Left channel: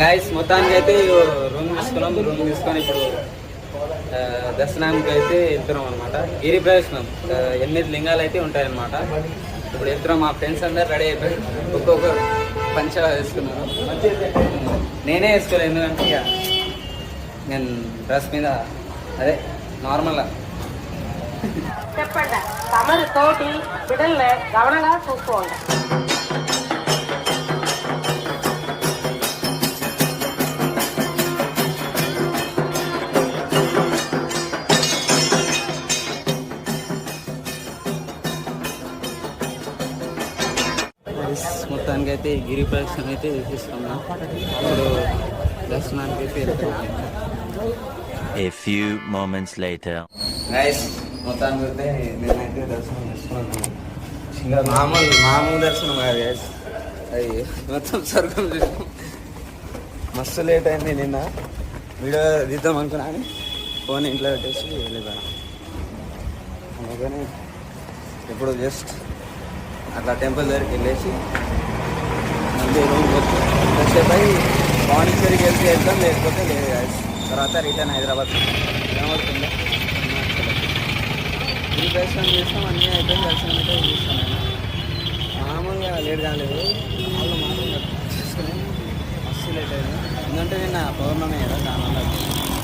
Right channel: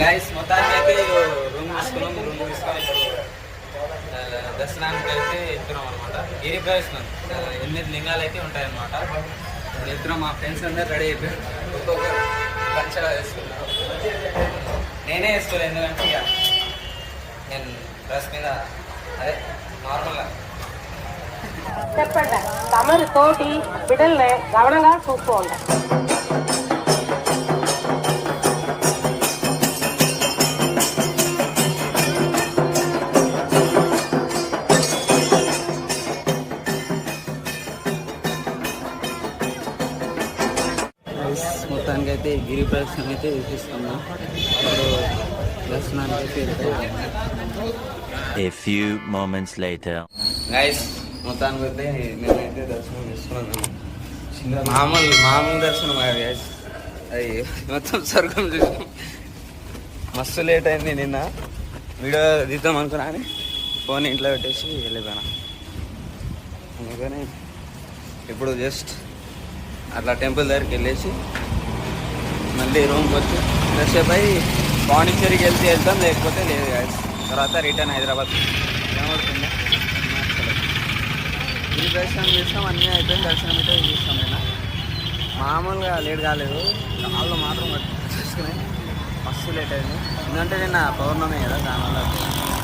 Guys మొత్తానికి అయితే room తీసుకొని ఇప్పుడు దర్శనానికి అయితే వెళ్తున్నాం అనమాట. గిరి ప్రవేశం 8 లింగాలు అయితే ఉంటాయన్నమాట. ఇప్పుడు వెళ్తున్నాం. మా ఫ్రెండ్స్ అందరు రెడీ అయిపోయి ఒక్కొక్క పంచ వేసుకున్నారు. నేనే వేసుకోలేదు, ఎందుకంటే ఇక నేను డ్రెస్ మీద అదే నార్మల్గా. చెప్పండి తమరు తోటి బిడ్డల్ని గమనంగా చూసుకోండి. మొత్తానికి అయితే గిరి ప్రదక్షిణ అయితే చేసేస్తున్నాం. ఇప్పుడు దర్శనానికి అయితే వెళ్తున్నాం. A few moments later. Guys మొత్తానికి అయితే నేనైతే దర్శనం చేసుకున్నాను. మామూలు దర్శనం కాదు గైస్, అయ్యి మొత్తం స్వర్గం చూసాం. మస్తు లేట్ అయింది. నిన్న వీడియో తీద్దాం అనుకున్నా అని ఫోన్ ఇంట్లో పెట్టేసి వెళ్ళిపోయినా. అందుకని ఇప్పుడు జస్ట్ అట్లా టెంపుల్ దగ్గరికి వెళ్ళేసి మళ్ళీ రూమ్కి వచ్చి ఫ్రెష్ అయి పాండిచ్చేరికి వెళ్తాం, లేకపోతే లేదు గాయస్. తర్వాత రిటర్న్ హైదరాబాద్ ఏమవుతుంది. ఈ దర్శనం చేస్తాం, అన్నీ అయిపోయింది. దర్శనం అయితే చేస్తాం. నేను మామూలుగా లేట్ కాలేదు, వాళ్ళు మాత్రం చేసుకుని మస్తు లేట్ అయింది. ఎందుకంటే నిన్న పౌర్ణమి కదా, దానివల్ల